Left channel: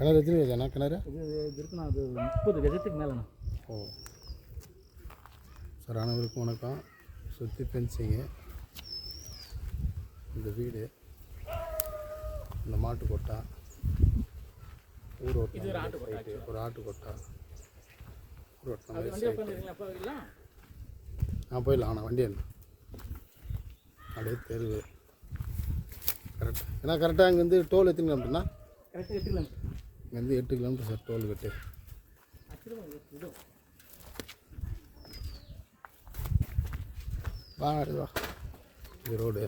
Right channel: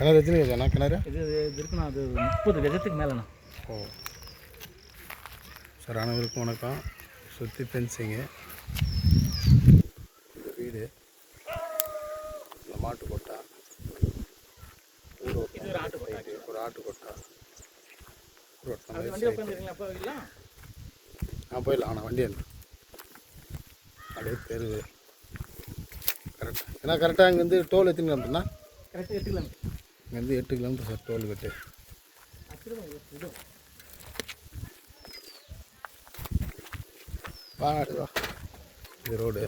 கிணறு எத்தனை அண்ணா கிணறு? இது இருக்குண்ணா, அது 30 கஜத்துக்கு மேலேண்ணா. ஓ சார், அனைவருக்கும் வணக்கம். சுற்றி ஃபென்சிங்கு, இந்த வீடு, இந்த மாட்டு கொட்டா, ஊர் ஓட்டம், ஒரு ஆட்டு கொட்டா, ஊர் ஓட்டம். போயிடலாம். ஆனால் வண்டி என்ன அப்படியே தெருவு கரெக்டாக. ஏன்னா கரெக்டாக இங்கேருந்து டோல் எத்தனை கிலோமீட்டர்னா? கரெக்டாக 8 கிலோமீட்டர். இங்கேருந்து 8 கிலோமீட்டர் சார் டோல் கட்டு. வா இது ரோடு.